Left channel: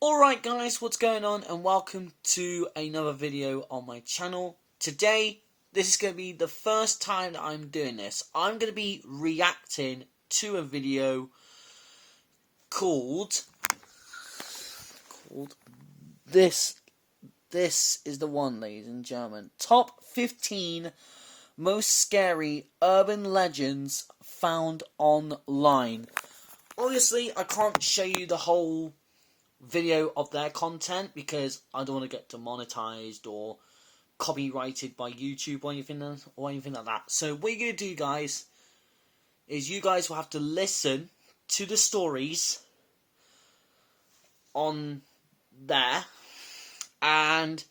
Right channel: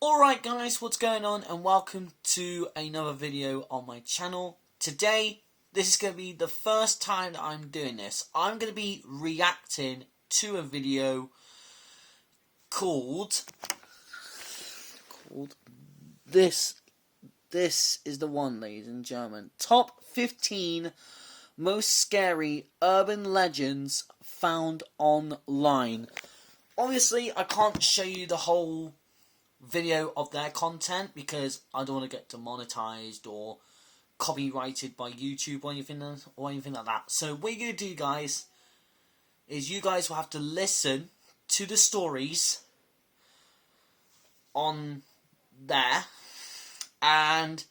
Alright guys, what's going on, and welcome to another video on my channel. Today, this is going to be the first time that I'm doing this. I'm going to be reacting to a video called This is the one, ladies and gentlemen. Top 15 most scary urban legends found online. Obviously, I can't show you the whole video of their content because I don't want to get demonetized or copyrighted by YouTube or anything like that. So what you're going to do, guys, is you guys will have to listen to the stories on there, and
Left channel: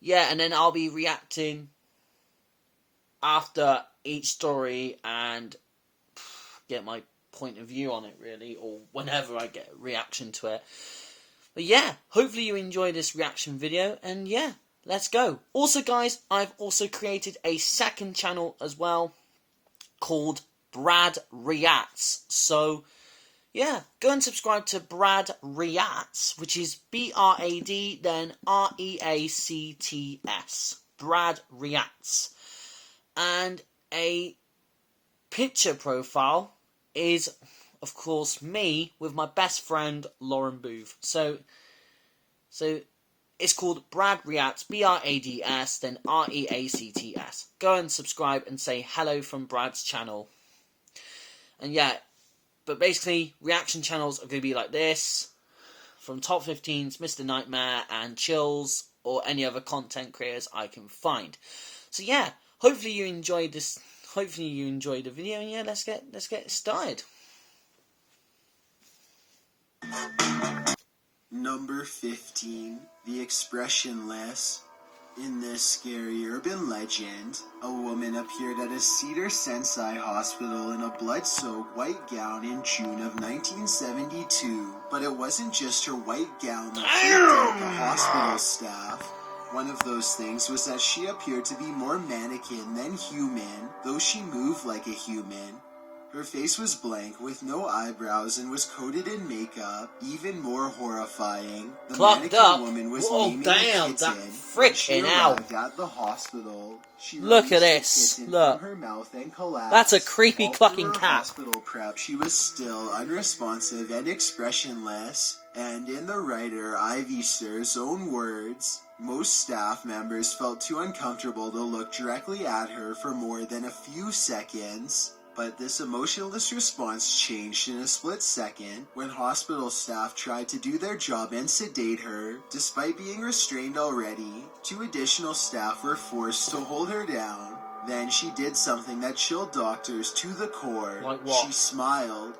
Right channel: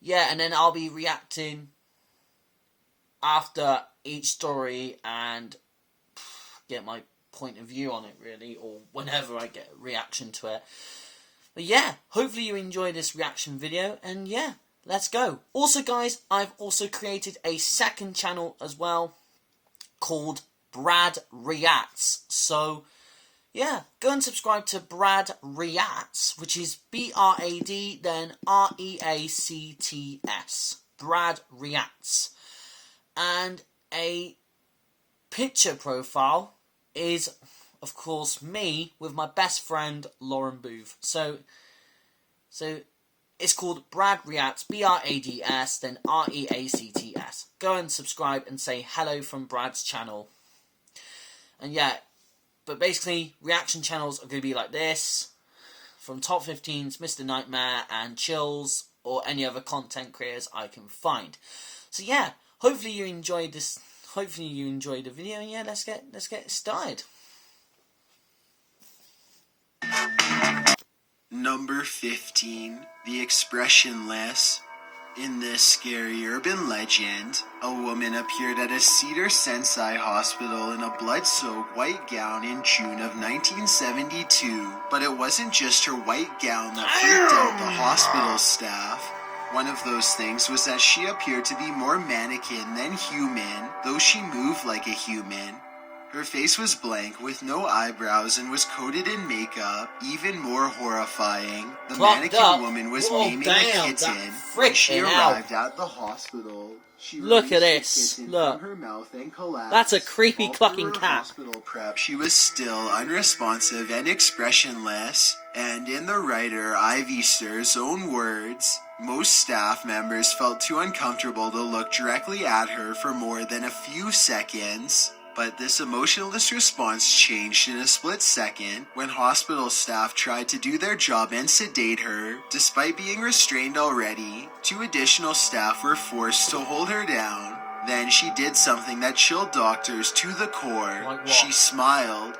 yeah, and then I'll be reacting after each story and get my point of view on it, really, or whenever I get a reaction to it. But yeah, hopefully you enjoy this reaction video, and yeah, let's go. Also guys, I've also created a second channel as well called Brad Reacts. So yeah, go and subscribe to Brad Reacts, which is B-R-A-D, then R-E-A-C-T-S. Brad Reacts. And a picture profile is, of course, me with my best friend Lauren Booth. So it's called Brad Reacts, B-R-A-D-S, then R-E-A-C-T-S. Go and subscribe and say hello from Brad's channel. And yeah, but basically, reaction channels are going to be like this, from Top 15s, Mr. Nightmare, and Chills, or any other content creators I can find. So yeah, hopefully you enjoyed this. Hopefully you enjoyed the video, and yeah, let's get started. Number 15, the expressionless. In this scary urban legend, a woman appeared at a Cedars-Sinai hospital in a blood-soaked white gown in June of 1972. But it wasn't just her white gown that freaked out the hospital staff. One of those things was that she appeared to be more mannequin than human, though she moved like a human. Her face was blank with no eyebrows and was coated in makeup. Even more horrifying, the mannequin woman was naming a kitten when she arrived at the hospital. She Look at this. Look. from her mouth and collapsed. That's a creepy All clucking through her cat. Hospital prep, she was still unresponsive and expressionless. And in the writer Ivy Stir's own words, most staff members felt too uncomfortable to look directly at her for more than a few seconds. But this emotionless response changed in a split second when hospital staff tried to do their job and sedate her. Despite being restrained already, 2 additional staff were forced to hold her down. Then she did something that chilled doctors to the core. Like what? She smiled.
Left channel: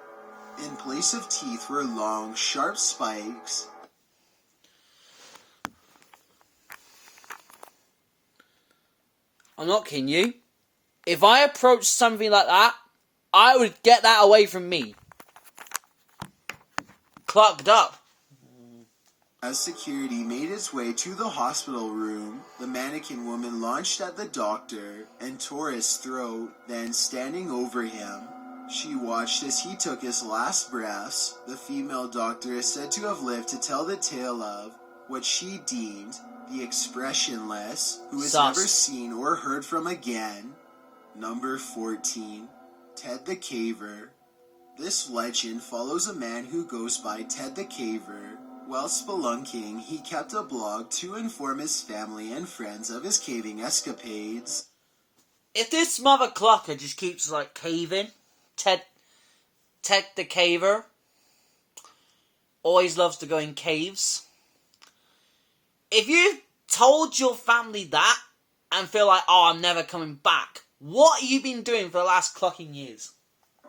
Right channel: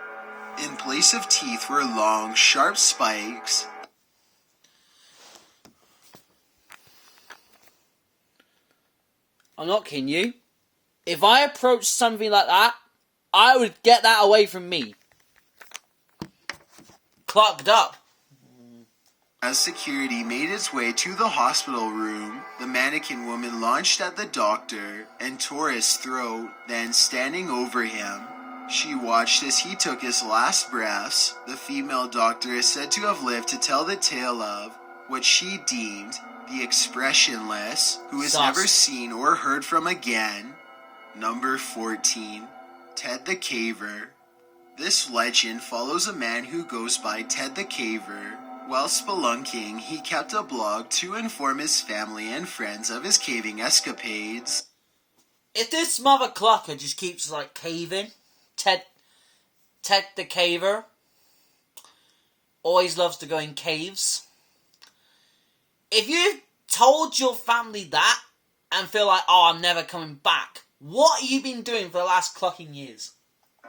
In place of teeth were long, sharp spikes. I'm not kidding you. If I approached something like that, I would get that away from me. Clogged up. As security made its way to the hospital room, the mannequin woman launched at the doctor and tore his throat, then standing over him, she watched as he took his last breaths. The female doctor is said to have lived to tell the tale of what she deemed the expressionless, who is never seen or heard from again. Number 14. Ted the Caver. This legend follows a man who goes by Ted the Caver. While spelunking, he kept a blog to inform his family and friends of his caving escapades. If this mother clucker just keeps like caving, Ted the Caver always loves to go in caves. If you told your family that and feel like, oh, I'm never coming back, what have you been doing for the last clocking years?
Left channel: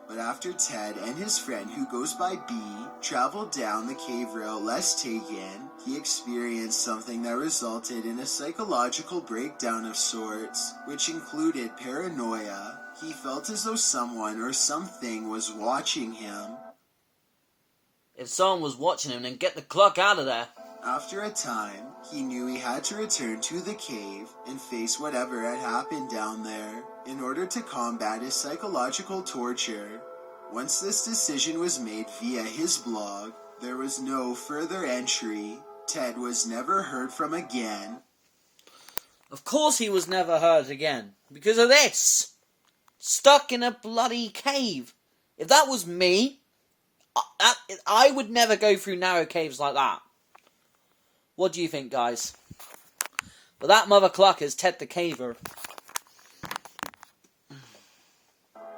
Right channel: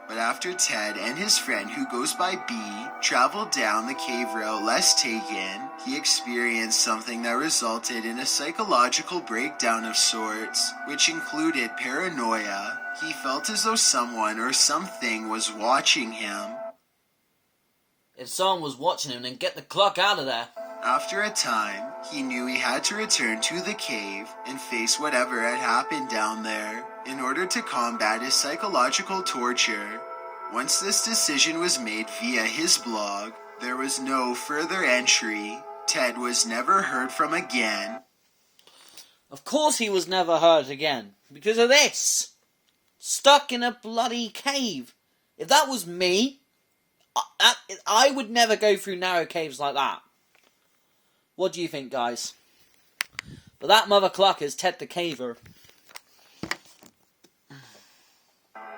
But after Ted and his friend, who goes by B, traveled down the cave route less taken, he experienced something that resulted in a psychological breakdown of sorts, which included paranoia. He felt as though someone or something was watching him. If someone was watching him, then get the clock out of there. After a time, he knew he had to return to the cave and face whatever had happened down there in order to combat his psychological torture. Once this decision was made via his blog, There was no further entry. Ted was never heard from again. Of course he was never heard again. Because of this. Stuck in a bloody cave. If that was me, I would never go through narrow caves like that. What do you think, guys? But that mother cluck is Ted the Caver.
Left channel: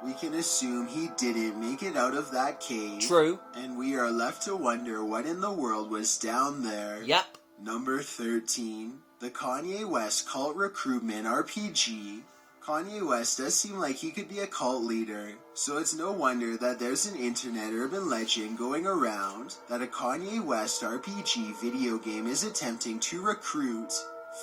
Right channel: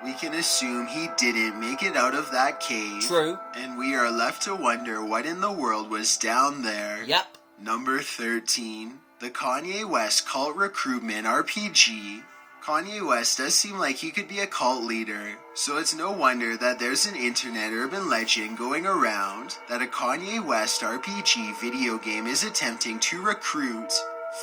We can assume he didn't make it out of that cave. True. And we are left to wonder what in the world was down there. Yep. Number 13. The Kanye West Cult Recruitment RPG. Kanye West does seem like he could be a cult leader, so it's no wonder that there's an internet urban legend going around that a Kanye West RPG video game is attempting to recruit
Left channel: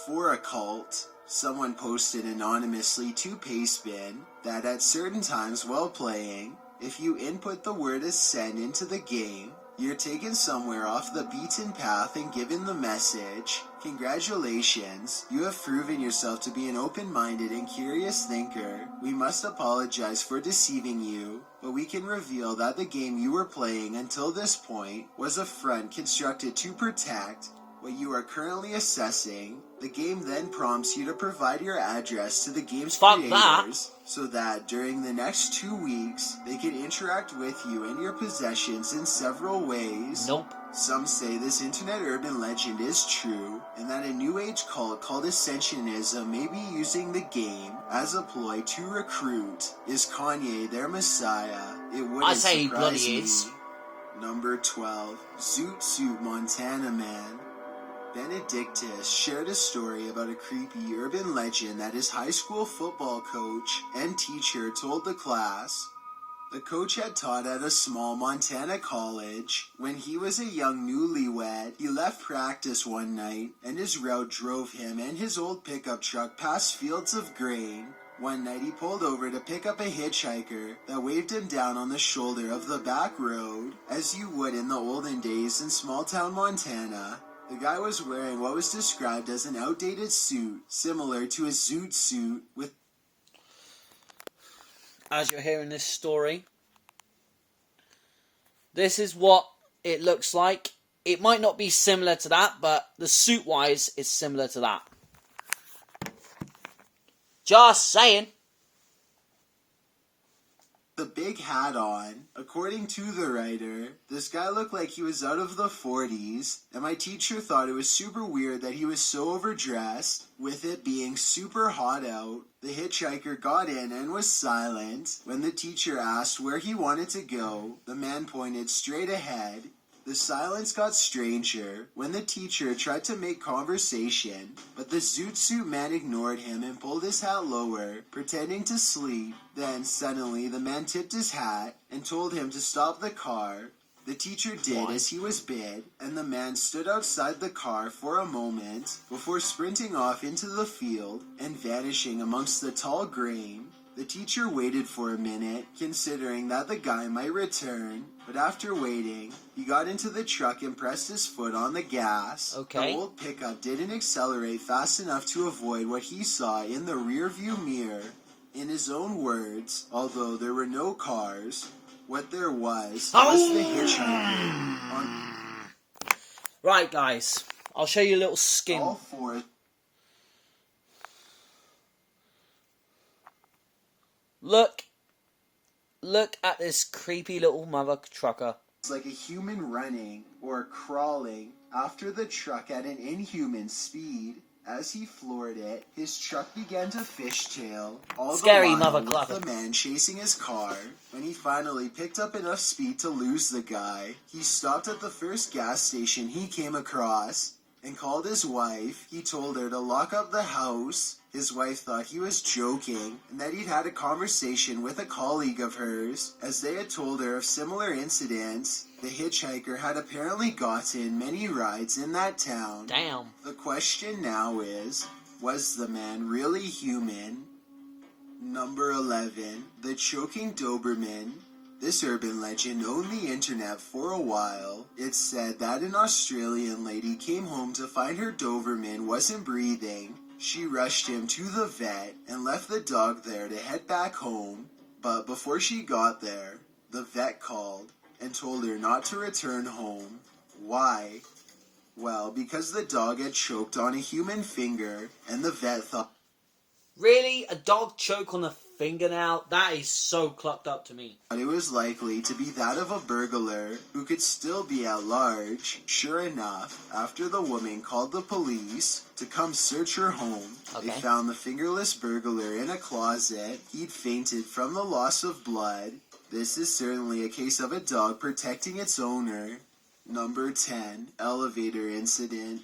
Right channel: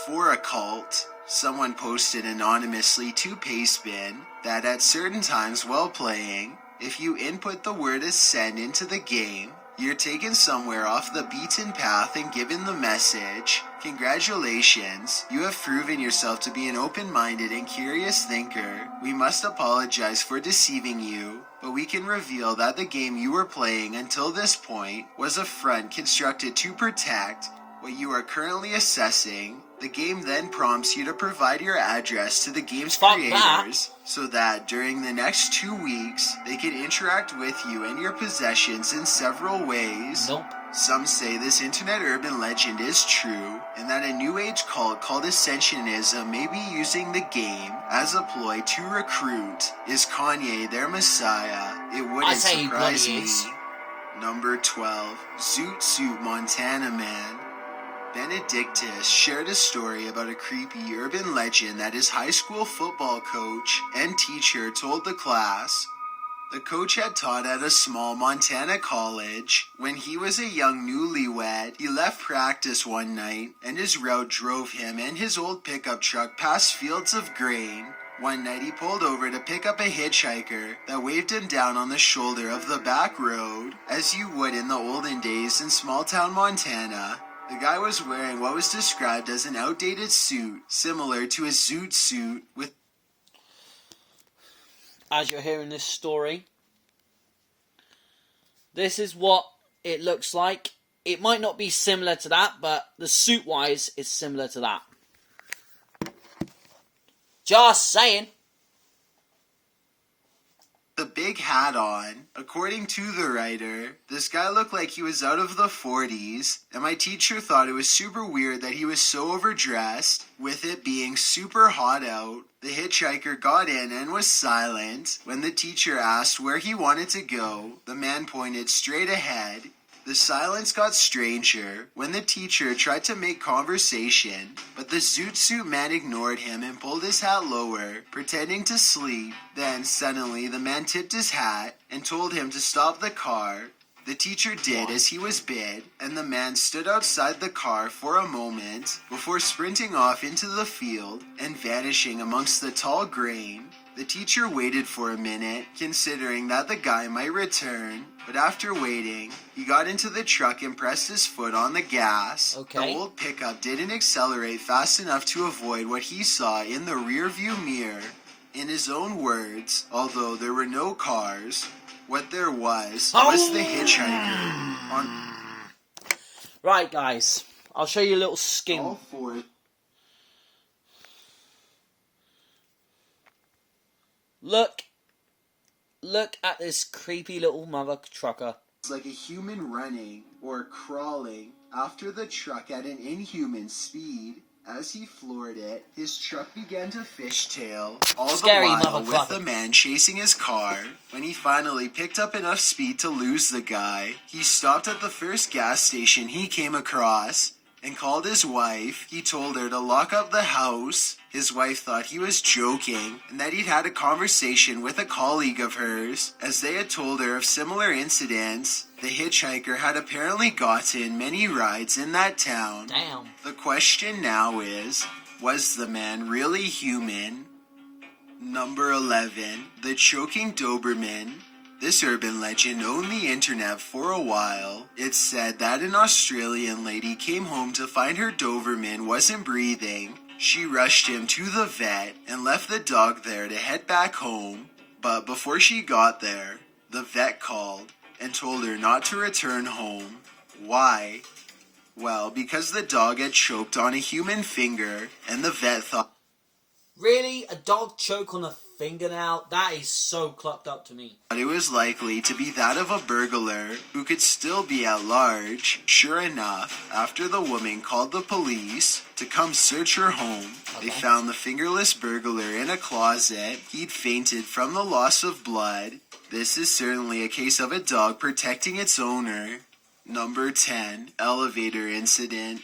for a cult. Someone posted anonymously to Pastebin that at certain times while playing, if you input the word ascend into the game, you're taken somewhere off the beaten path and given the message, "Congratulations, you have proven yourself to be an open-minded and curious thinker. We must apologize for deceiving you, but we can reveal that the game you were playing until this point was a front constructed to protect what you are currently assessing." The game then prompts you to provide your address to the game's creators so that during the next 2 weeks, they can interact with you and your possessions in several ways. Nope. Some say this internet urban legend is true, and that a new age cult called Ascensionism may be using the game as a ploy to recruit. Is Kanye their messiah? It wouldn't surprise me. Number 12. Zoot Suit Montana Man. Benedictus shared a story about a creepy urban legend that his high school football coach and teacher told the class. The coach had taught at a small Montana college. When he was a young newlywed, he left practice one night, and his route drove him and his old pickup truck past fields of grain. One night he pulled over to pick up a hitchhiker that waved him down on the shoulder of the back road, as you would in the olden days in small-town Montana. The guy was wearing what was described as an outdated suit, similar to a zoot suit with... As you're hearing this story, this is what it looks like. It might not be similar to that, but the suit-wise is similar to that. Just saying. The big hat on. According to the writer, this guy looked like he was out of the 40s, and my teacher thought it was super weird that he was so overdressed. With it being super hot out, the hitchhiker got in and was silent. When the teacher asked where he wanted to go, the man pointed straight ahead. The silence got stranger when the teacher tried to make conversation, but the zoot suit man ignored him and pulled his hat lower, pretending to sleep. Then suddenly the man tipped his hat and told him to stop the car. The teacher did as he was bid, and the man stood outside the car for a moment before sprinting off into the field and vanishing amongst the tall grain. The teacher waited for a minute, considering that the guy might return, but after waiting, he got into the truck and pressed his foot on the gas. Okay. The old pickup didn't accelerate fast enough to avoid what he saw in the rearview mirror. In his own words, although there were no cars, what there was the hitchhiker on... Right, guys, I'll show you a little skim. All four... Look at this creepy little mother trucker. It's like a human running or crawling after the truck at an inhuman speed. As he floored it, his truck began to fishtail, all Scary the while motherfucker. with the man chasing his car. When he finally picked up enough speed to lose the guy, he stopped at the first gas station he came across and called his wife. He told her to lock up the house. His wife thought he was joking and that he'd had a conversation with a colleague of hers. As they had told her of similar incidents, the hitchhiker had apparently gotten many rides in that town. Damn. The question now is, was the man really human? Number 11. The Choking Doberman. This urban legend owned the internet for a while. It's said that an Australian lady came home to find her Doberman wasn't breathing. She rushed him to the vet and left the dog there to head back home. But before she got there, the vet called. and told her not to return home. Why? Well, because the dog had choked on a human finger, and the vet thought Really? A dog choke on a fingernail? That is so clucked up to me. it was likely to be that of a burglar who could still be at large. Sure enough, after the woman called the police to come search her home, they found the fingerless burglar in a closet. He'd fainted from the loss of blood. This is certainly a case of a dog protecting its owner. Number 10, elevator incident.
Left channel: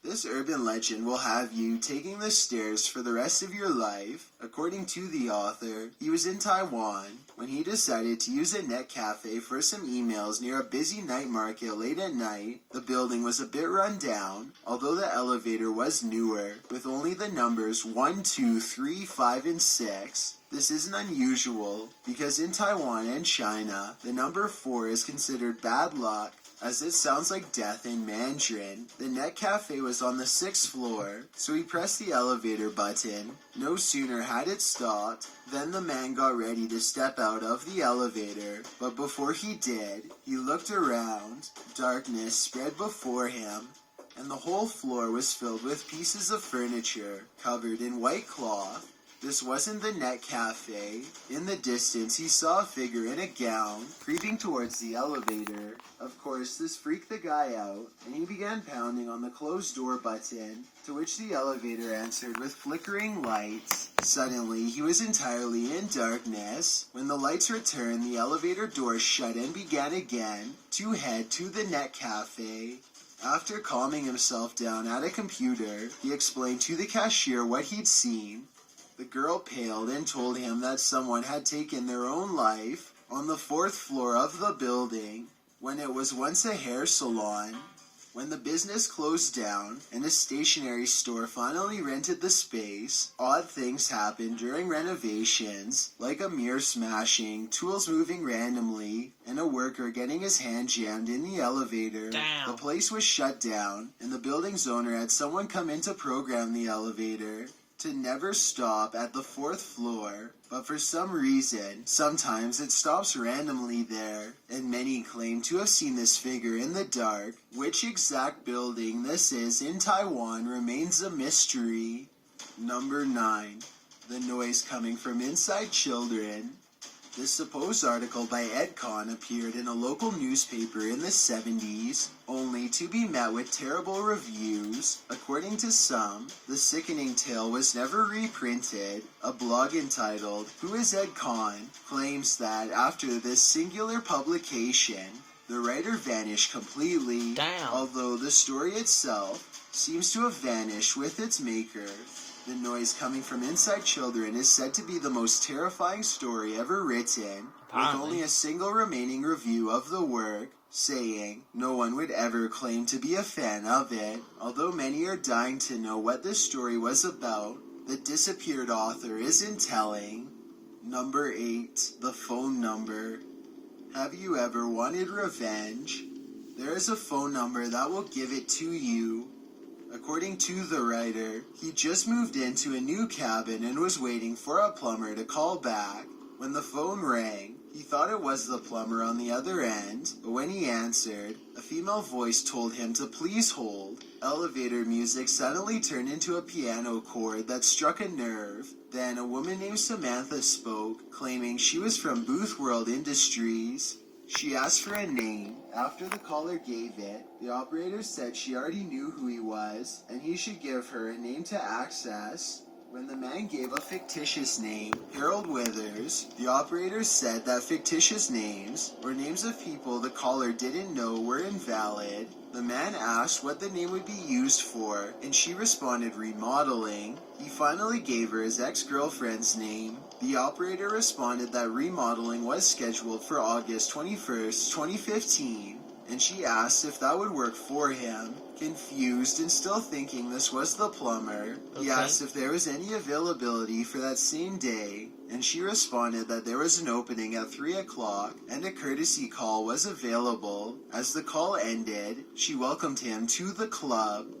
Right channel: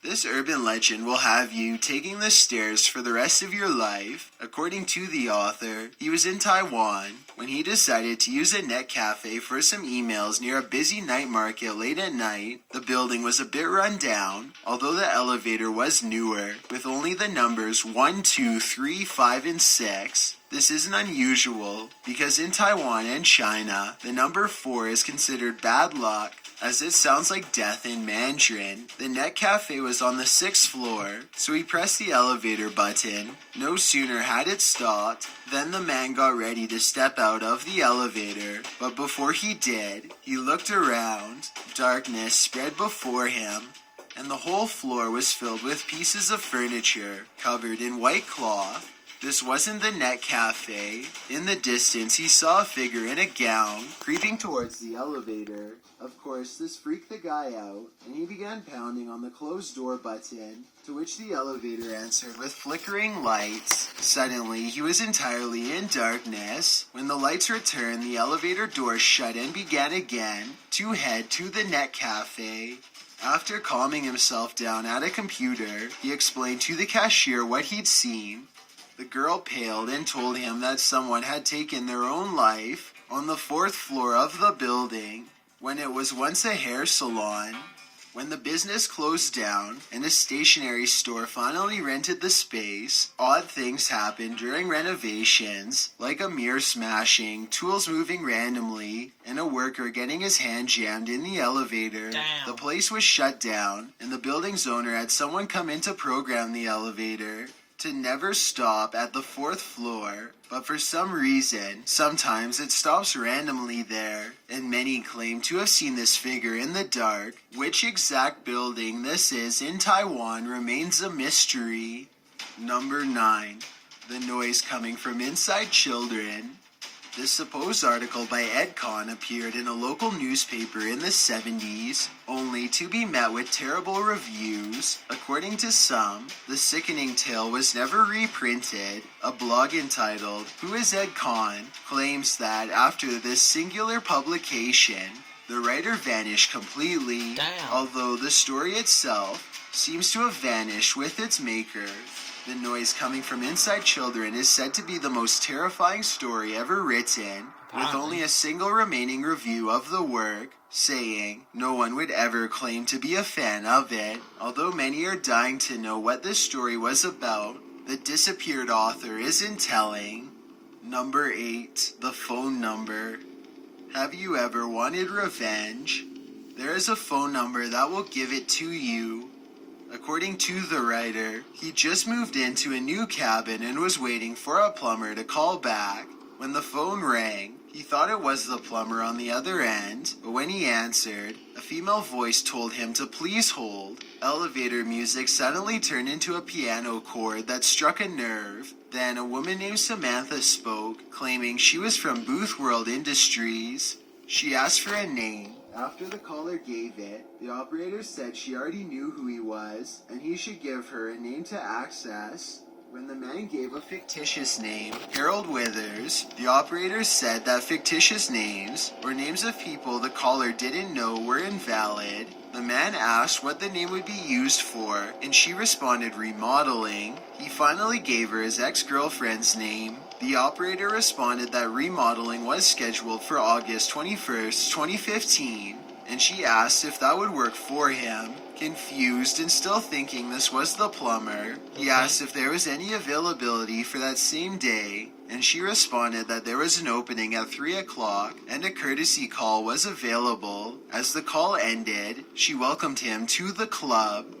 This urban legend will have you taking the stairs for the rest of your life. According to the author, he was in Taiwan when he decided to use a net cafe for some emails near a busy night market late at night. The building was a bit run down, although the elevator was newer, with only the numbers 1, 2, 3, 5, and 6. This isn't unusual, because in Taiwan and China, the number 4 is considered bad luck, as it sounds like death in Mandarin. The net cafe was on the 6th floor, so he pressed the elevator button. No sooner had it stopped than the man got ready to step out of the elevator, but before he did, he looked around. Darkness spread before him, and the whole floor was filled with pieces of furniture covered in white cloth. This wasn't the net cafe. In the distance, he saw a figure in a gown creeping towards the elevator. Of course, this freaked the guy out, and he began pounding on the closed door button, to which the elevator answered with flickering lights. Suddenly, he was entirely in darkness. When the lights returned, the elevator door shut and began again to head to the net cafe. After calming himself down at a computer, he explained to the cashier what he'd seen. The girl paled and told him that someone had taken their own life on the 4th floor of the building, when it was once a hair salon. When the business closed down and a stationery store finally rented the space, odd things happened during renovations, like a mirror smashing, tools moving randomly, and a worker getting his hand jammed in the elevator. Damn. The place was shut down, and the building's owner had someone come in to program the elevator to never stop at the 4th floor, but for some reason, sometimes it stops randomly there, and many claim to have seen this figure in the dark. Which exact building this is in Taiwan remains a mystery. Number 9. The noise coming from inside children. This supposed article by Ed Kahn appeared in a local newspaper in the 70s, only to be met with terrible reviews. According to some, the sickening tale was never reprinted. A blog entitled, "Who is Ed Kahn?" claims that after this singular publication, the writer vanished completely. Damn. Although the story itself seems to have vanished with its maker. The noise coming from inside children is said to be the most terrifying story ever written, with only a single remaining review of the work, saying no one would ever claim to be a fan of it. Although many are dying to know what this story was about, the disappeared author isn't telling. Number 8. The phone number. Have you ever wanted revenge? There is a phone number that will give it to you. According to the writer, he just moved into a new cabin and was waiting for a plumber to call back. When the phone rang, he thought it was the plumber on the other end, but when he answered, a female voice told him to please hold. Elevator music suddenly turned into a piano chord that struck a nerve. Then a woman named Samantha spoke, claiming she was from Booth World Industries. She asked for a name. After the caller gave it, the operator said she already knew who he was, and he should give her a name to access. When the man gave a fictitious name, Harold Withers, the operator said that fictitious names, or names of people the caller didn't know, were invalid. The man asked what the name would be used for, and she responded remodeling. He finally gave her his ex-girlfriend's name. The operator responded that remodeling was scheduled for August 21st, 2015, and she asked if that would work for him. Confused and still thinking this was the plumber, he asked if there was any availability for that same day, and she responded that there was an opening at 3 o'clock and a courtesy call was available. As the call ended, she welcomed him to the club.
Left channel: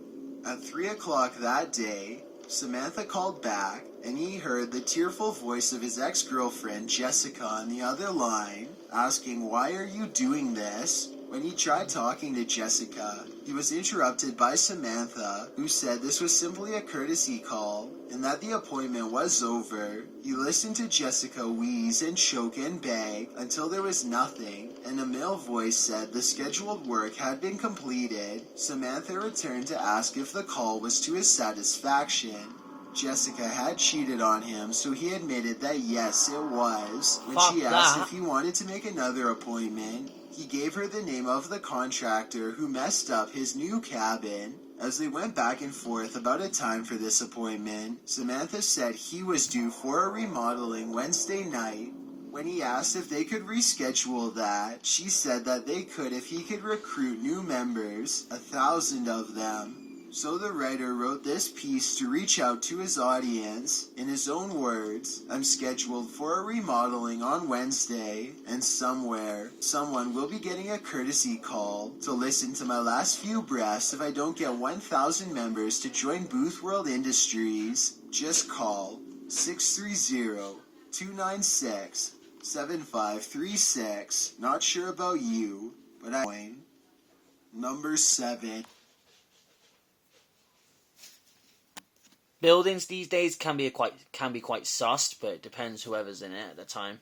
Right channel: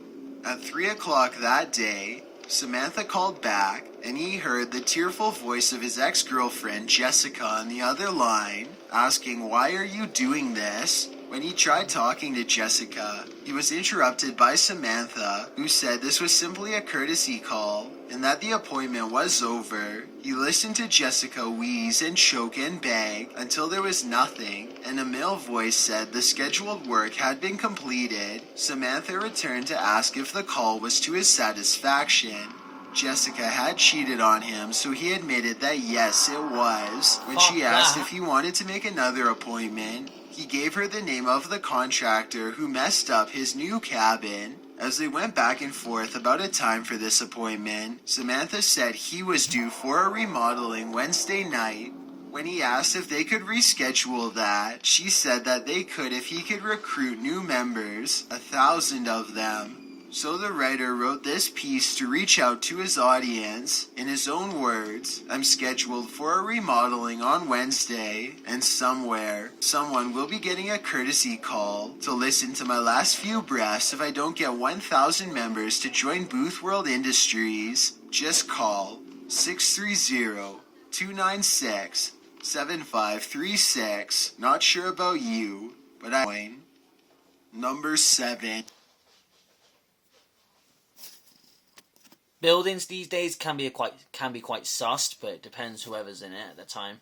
At 3 o'clock that day, Samantha called back, and he heard the tearful voice of his ex-girlfriend Jessica on the other line, asking, "Why are you doing this?" When he tried talking to Jessica, he was interrupted by Samantha, who said this was simply a courtesy call and that the appointment was over. He listened to Jessica wheeze and choke and beg until there was nothing, and a male voice said the scheduled work had been completed. Samantha returned to ask if the call was to his satisfaction. Jessica had cheated on him, so he admitted that yes, it was. When she asked if he wanted to make another appointment, he gave her the name of the contractor who messed up his new cabin. As they went back and forth about a time for this appointment, Samantha said he was due for a remodeling Wednesday night. When he asked if they could reschedule that, she said that they could if he could recruit new members, 1,000 of them. So the writer wrote this piece to reach out to his audience. In his own words, "I'm scheduled for a remodeling on Wednesday, and somewhere, someone will be getting a courtesy call to listen to my last few breaths if I don't get 1,000 members to join Booth World Industries. Just call 630-296-7536. Not sure about you, but I'm Number 7. Buildings these days can be quite sussed, but it depends whoever's in it at the time.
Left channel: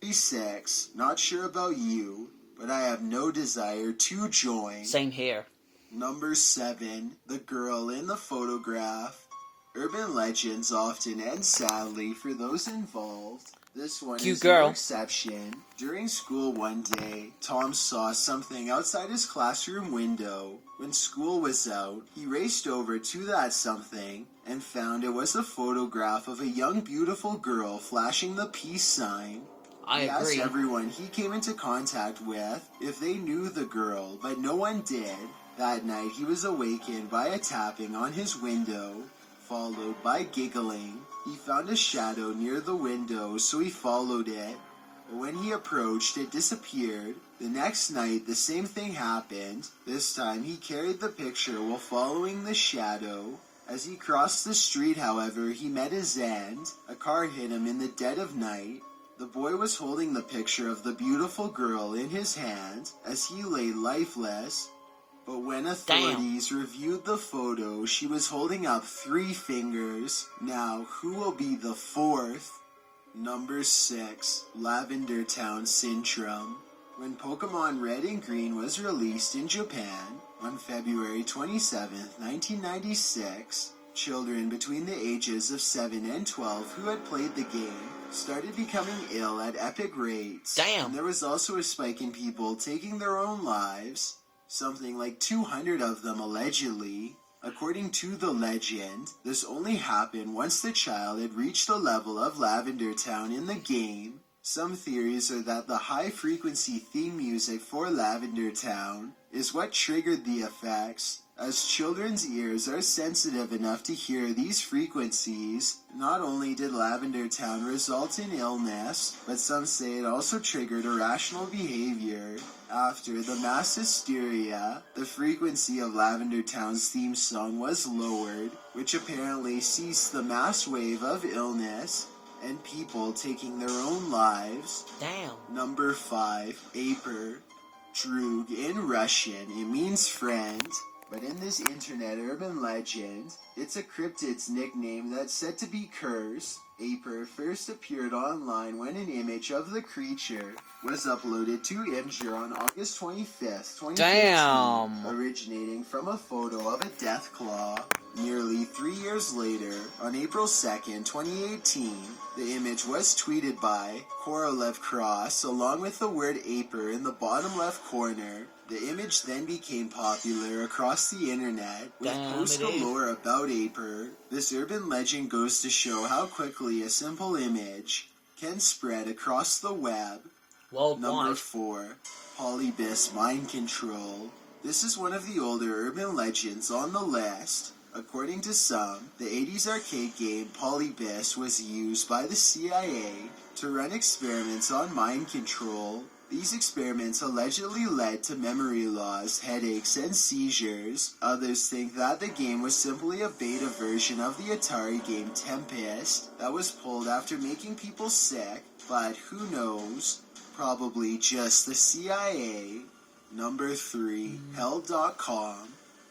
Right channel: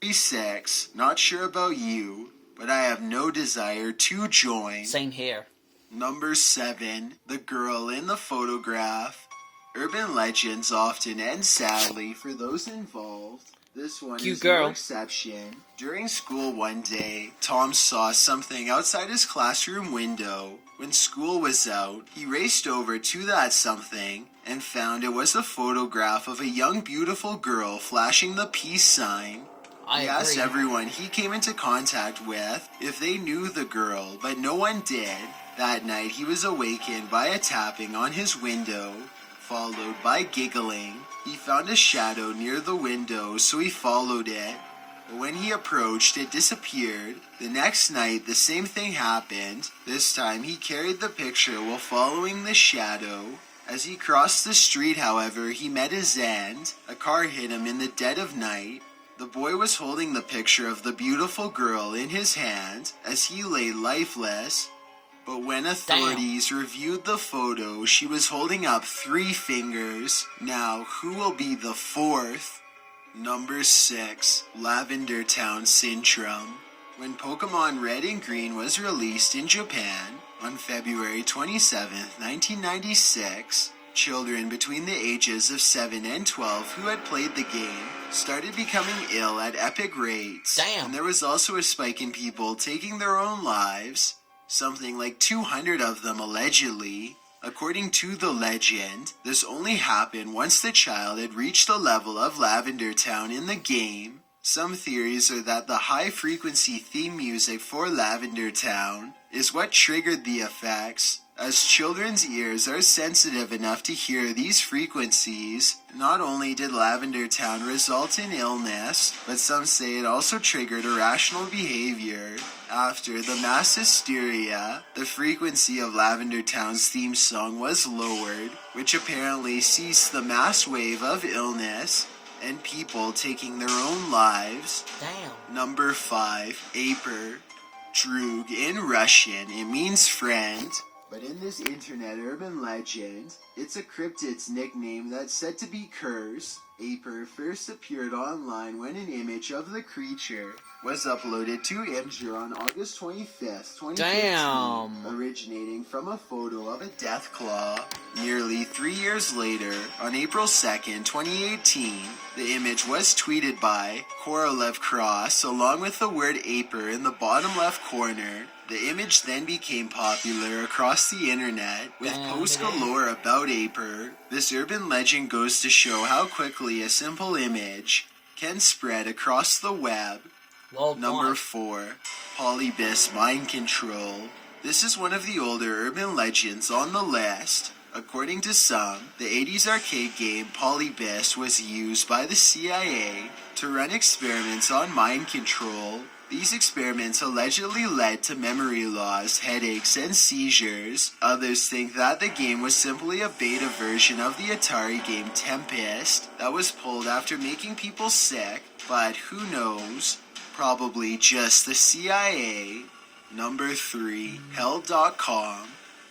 36. Not sure about you, but I have no desire to join. Same here. Number 7. The girl in the photograph. Urban legends often end sadly for those involved. This one is no exception. During school one day, Tom saw something outside his classroom window. When school was out, he raced over to that something and found it was a photograph of a young, beautiful girl flashing the peace sign. He asked everyone he came into contact with if they knew the girl, but no one did. That night, he was awakened by a tapping on his window, followed by giggling. He found a shadow near the window, so he followed it. But when he approached, it disappeared. The next night, the same thing happened. This time, he carried the picture while following the shadow. As he crossed the street, however, he met his end. A car hit him in the dead of night. The boy was holding the picture of the beautiful girl in his hand as he lay lifeless. But when authorities reviewed the photo, she was holding up 3 fingers. Now, who will be the 4th? Number 6. Lavender Town Syndrome. When Pokemon Red and Green was released in Japan on February 27, 1996, children between the ages of 7 and 12 who had played the game started becoming ill at epic rates. And there was also a spike in people taking their own lives. Something like 200 of them allegedly. According to the legend, this only happened once the child had reached the level of Lavender Town in the game. Some theories are that the high-frequency theme music for Lavender Town is what triggered the effects, as children's ears are sensitive enough to hear these frequencies. Not only did Lavender Town result in illness, but some say it also triggered irrational behavior. After the mass hysteria, the frequency of Lavender Town's theme song was lowered, which apparently ceased the mass wave of illness and people taking their own lives. Number 5. Aper. Drug in Russian, it means friend. But in this internet urban legend, it's a cryptid's nickname that's said to be cursed. Aper first appeared online when an image of the creature was uploaded to Imgur on August 25th, 2015, originating from a photo of a death claw. Nearly 3 years later, on April 2nd, 2018, the image was tweeted by Korolev Cross along with the word Aper in the bottom left corner. The image then became popular across the internet, with posts galore about Aper. This urban legend goes to show how quickly a simple image can spread across the web. Number 4. Polybus Mind Control. This is one of the older urban legends on the list. According to some, the 80s arcade game Polybus was used by the CIA to run experiments on mind control. These experiments allegedly led to memory loss, headaches, and seizures. Others think that the game was simply a beta version of the Atari game Tempest that was pulled after making people sick, but who knows? Probably just the CIA. Number 3. Hell.com.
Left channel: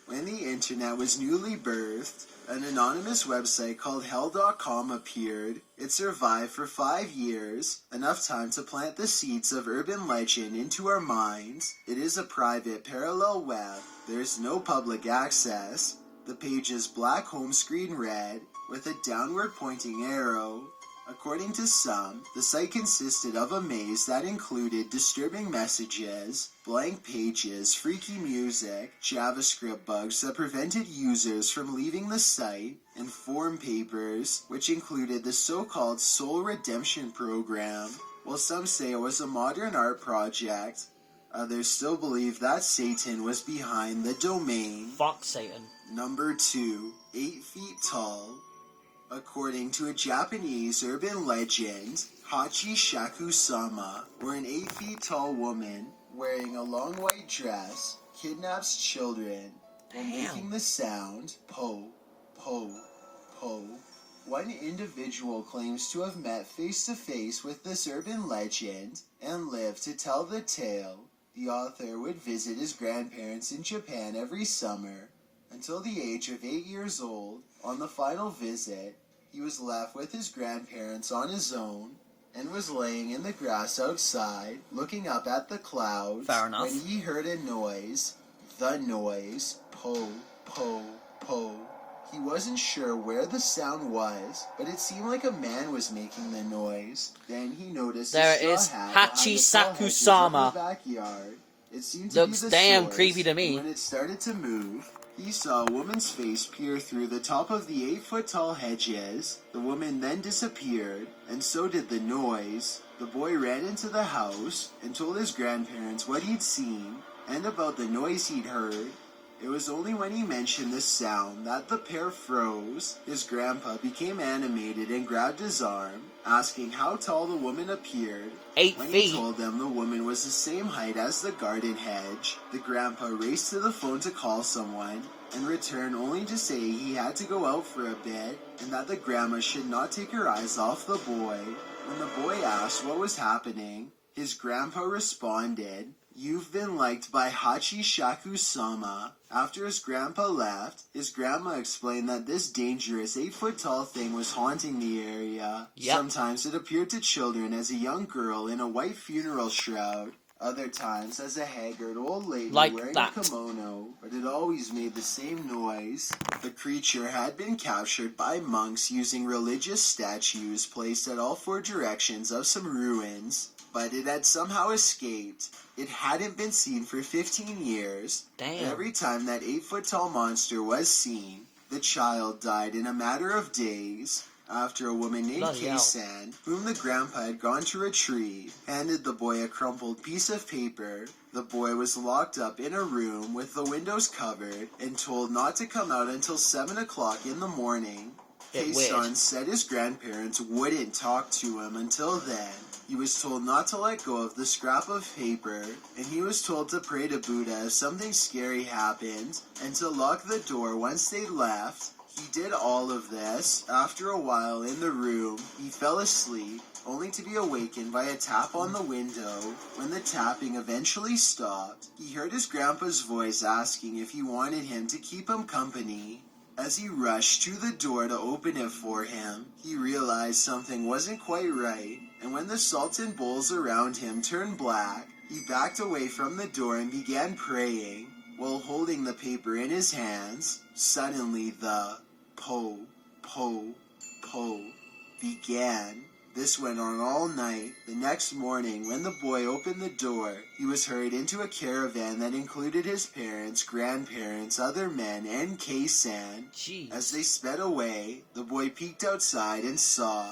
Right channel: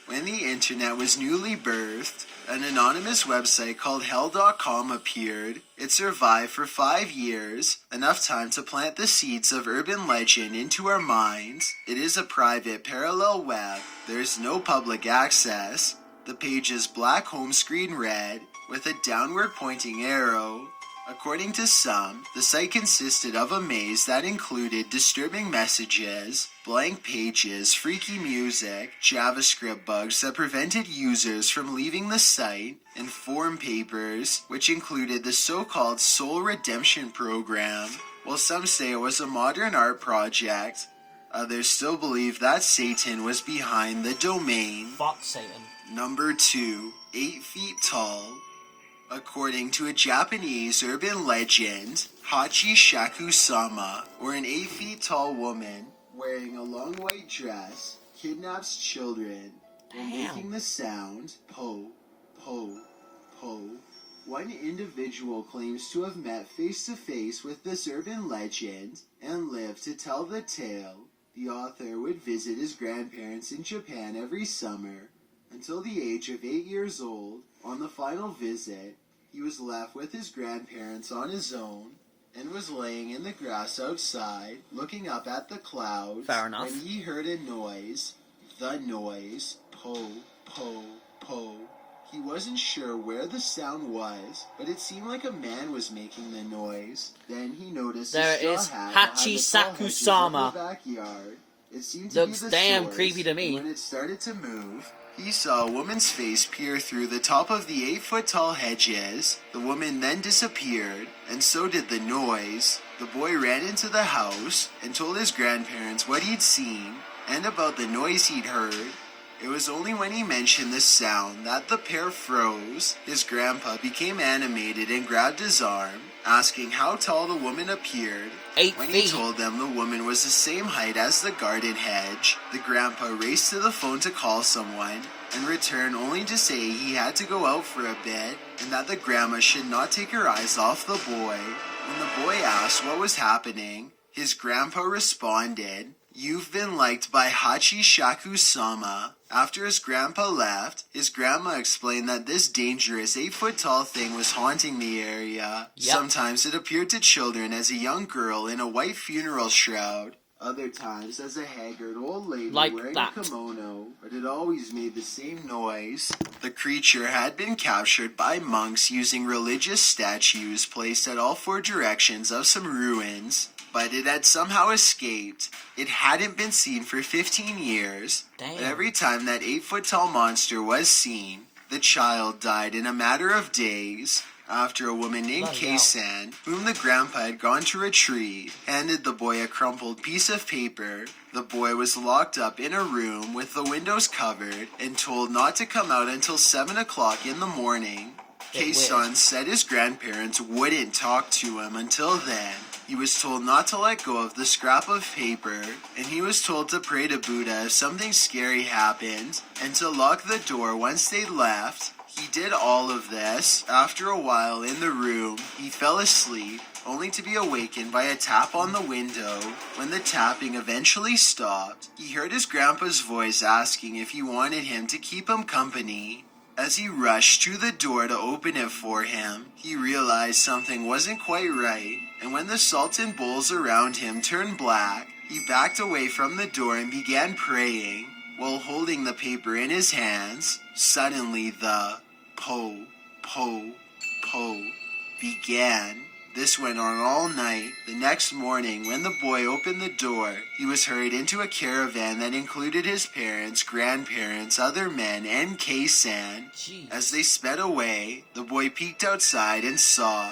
When the internet was newly birthed, an anonymous website called Hell.com appeared. It survived for 5 years, enough time to plant the seeds of urban legend into our minds. It is a private parallel web. There is no public access. The page is black home screen red with a downward pointing arrow. According to some, the site consisted of a maze that included disturbing messages, blank pages, freaky music, JavaScript bugs that prevented users from leaving the site, and forum papers, which included the so-called Soul Redemption Program. While some say it was a modern art project, others still believe that Satan was behind the domain. Fuck Satan. Number 2. 8 feet tall. According to a Japanese urban legend, Hachi Shaku-sama, or an 8 feet tall woman wearing a long white dress, kidnaps children and making the sound po, po, po. One individual claims to have met face to face with this urban legend and lived to tell the tale. The author would visit his grandparents in Japan every summer until the age of 8 years old. On the final visit, he was left with his grandparents on his own and was laying in the grass outside, looking up at the clouds. Fair enough. When he heard a noise, the noise, po, po, po. He wasn't sure where the sound was, but it seemed like a man was making the noise. Then he noticed There a is straw hat Hachi behind the tall hedges of Sakusama. the backyard. It seemed to Looks be the damn source, creepy to me. and when it started to move, he saw a woman's face peer through the top of the 8 foot tall hedges. The woman then disappeared, and so did the noise. The boy ran into the house and told his grandparents what he'd seen and about the noise he'd heard. It was only when he mentioned the sound that the pair froze. His grandpa became animated and grabbed his arm, asking how tall the woman appeared. 8 When feet. he told them the woman was the same height as the garden hedge, the grandpa raced to the phone to call someone and returned only to say he had to go out for a bit and that the grandma should not take her eyes off the boy. When the boy asked what was happening, his grandpa responded, "You've been liked by Hachi Shaku-sama." After his grandpa left, his grandma explained that this dangerous 8 foot tall thing was haunting the area. Yep. Sometimes it appeared to children as a young girl in a white funeral shroud. Other times as a haggard old lady Like wearing that. a kimono, but it always made the same noise. The creature had been captured by monks using religious statues placed at all 4 directions of some ruins, but it had somehow escaped. It hadn't been seen for 15 years. Damn. But every time that 8 foot tall monster was seen, the child died in a matter of days. After a woman named Bloody hell. Kei-san, whom the grandpa had gone to retrieve, handed the boy a crumpled piece of paper. The boy was locked up in a room with the windows covered and told not to come out until 7 o'clock in the morning. Bit Kei-san weird. said his grandparents wouldn't talk to him until then. He was told not to let go of the scrap of paper, and he was told to pray to Buddha if something scary happened, and to lock the door once they left. He did all of this. After a while in the room, he fell asleep, only to be awakened by a tap on the window. When the tapping eventually stopped, he heard his grandpa's voice asking if he wanted him to keep him company. As he rushed to the door to open it for him, he realized something wasn't quite right, and when the salt and bowls around him turned black, he backed away from the door and began praying. While holding the paper in his hands, suddenly the po, po, po began. This went on all night. The next morning, when the boy opened the door, he was hurried into a caravan that included his parents, grandparents, other men, and Kei-san. Jeez. As they sped away, the boy peeked outside and saw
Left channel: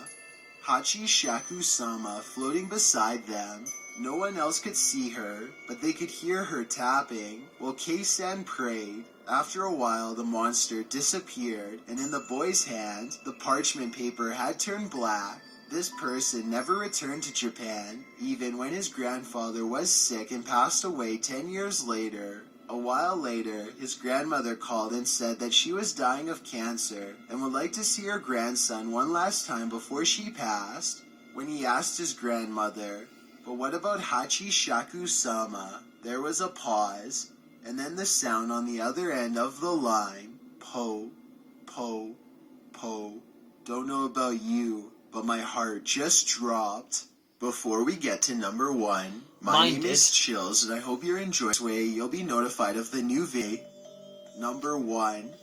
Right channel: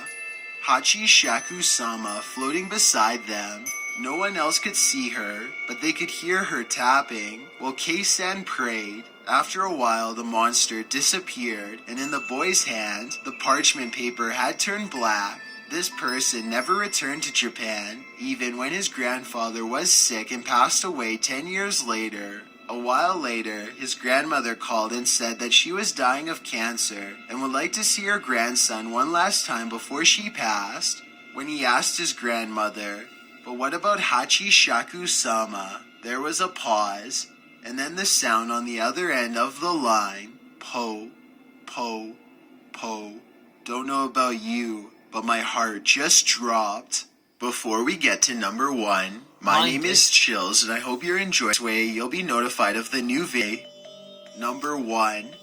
Hachi Shaku-sama floating beside them. No one else could see her, but they could hear her tapping while Kei-san prayed. After a while, the monster disappeared, and in the boy's hand, the parchment paper had turned black. This person never returned to Japan, even when his grandfather was sick and passed away 10 years later. A while later, his grandmother called and said that she was dying of cancer and would like to see her grandson one last time before she passed. When he asked his grandmother, "But what about Hachi Shaku-sama?" there was a pause, and then the sound on the other end of the line, po, po, po. Don't know about you, but my heart just dropped. Before we get to number 1, my name is Chills, and I hope you're enjoying this way. You'll be notified of the new video. Number 1,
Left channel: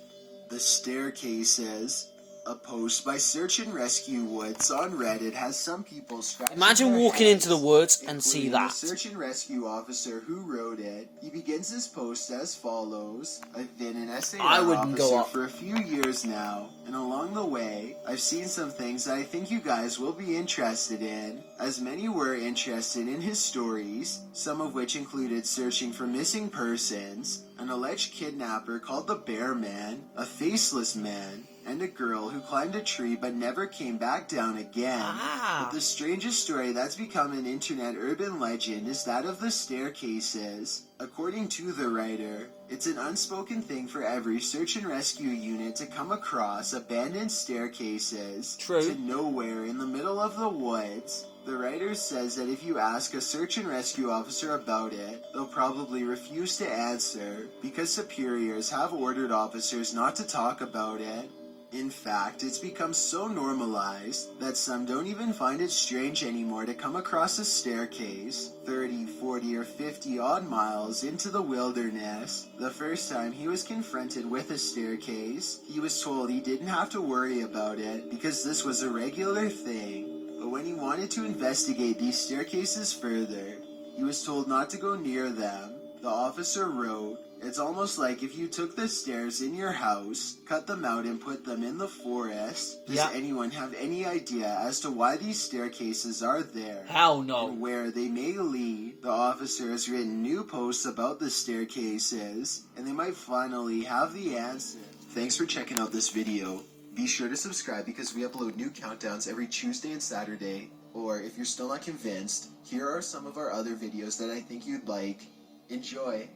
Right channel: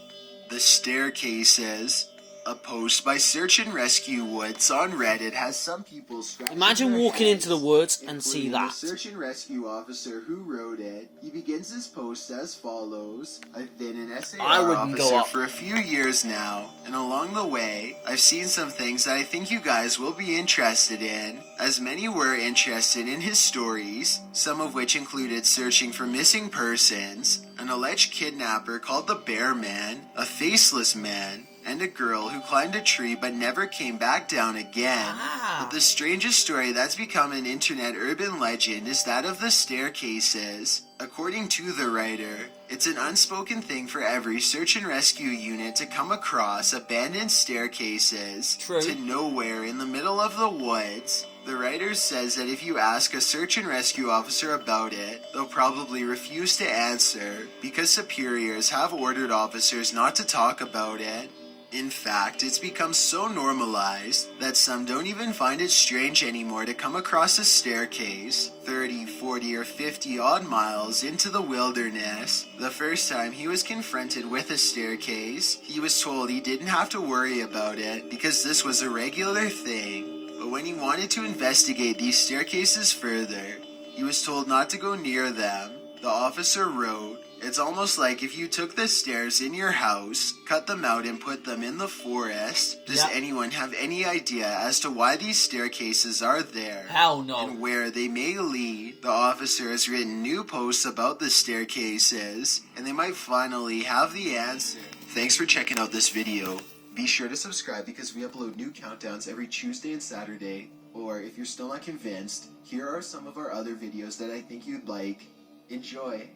The Staircases. A post by Search and Rescue Woods on Reddit has some people scratching Imagine their walking heads, into the woods and see including that. The search and rescue officer who wrote it. He begins his post as follows. I've been an SAR I wouldn't go officer up. for a few years now, and along the way, I've seen some things that I think you guys will be interested in, as many were interested in his stories, some of which included searching for missing persons, an alleged kidnapper called the Bear Man, a faceless man, and a girl who climbed a tree but never came back down again. But the strangest story that's become an internet urban legend is that of the staircases. According to the writer, it's an unspoken thing for every search and rescue unit to come across abandoned staircases to nowhere in the middle of the woods. The writer says that if you ask a search and rescue officer about it, they'll probably refuse to answer because superiors have ordered officers not to talk about it. In fact, it's become so normalized that some don't even find it strange anymore to come across a staircase 30, 40, or 50 odd miles into the wilderness. The first time he was confronted with a staircase, he was told he didn't have to worry about it because this was a regular thing. But when he wanted to investigate these staircases further, he was told not to go near them. The officer wrote, "It's almost like if you took the stairs in your house, cut them out and put them in the forest. Does anyone have any idea as to why these staircases are there? Hell no. And where they may lead?" The officer has written new posts about the staircases, and they might finally have the answer. Thanks for checking out this video. Be sure to subscribe because we upload new countdowns every Tuesday and Saturday. Or if you're still not convinced, here are some of our other videos that I think you'd like. Enjoy.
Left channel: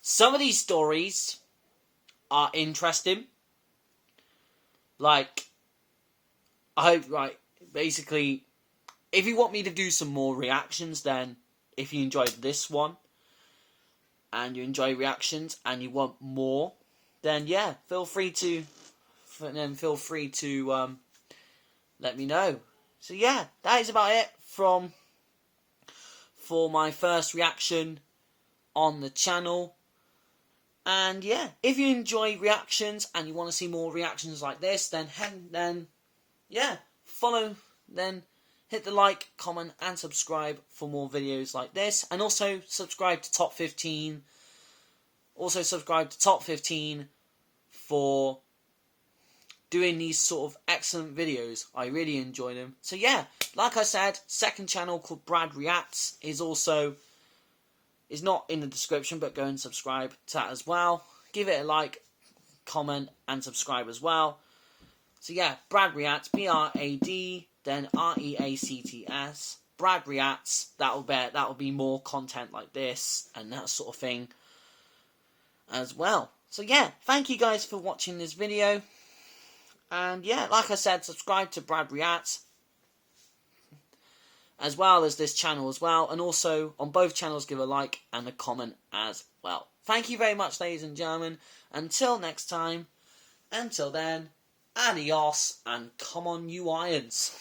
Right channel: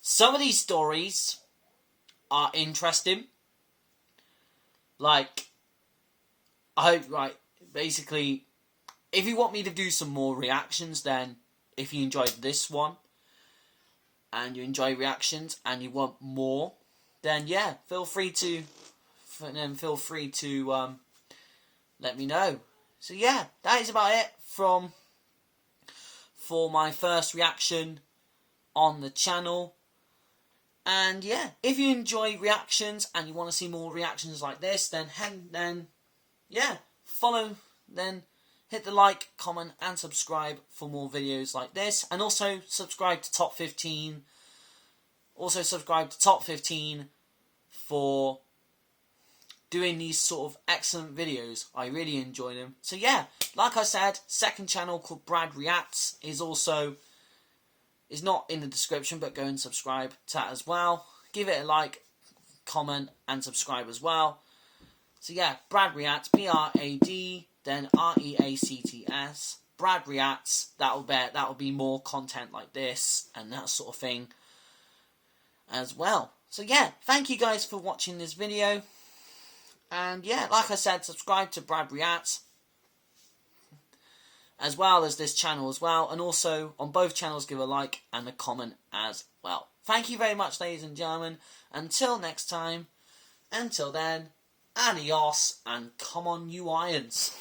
Some of these stories are interesting. Like, basically, if you want me to do some more reactions, then if you enjoyed this one, and you enjoy reactions, and you want more, then yeah, feel free to let me know. So yeah, that is about it for my first reaction on the channel. And yeah, if you enjoy reactions and you want to see more reactions like this, then hit the like, comment, and subscribe for more videos like this. And also subscribe to Top 15. Also subscribe to Top 15 for doing these sort of excellent videos. I really enjoy them. So yeah, like I said, second channel called Brad Reacts is not in the description, but go and subscribe to that as well. Give it a like, comment, and subscribe as well. So yeah, Brad Reacts, B-R-A-D, then R-E-A-C-T-S. Brad Reacts. That'll be more content like this and that sort of thing as well. So yeah, thank you guys for watching this video. And yeah, like I said, subscribe to Brad Reacts as well as this channel as well. And also, on both channels, give a like and a comment as well. Thank you very much, ladies and gentlemen. Until next time, until then, adios, and come on, you irons.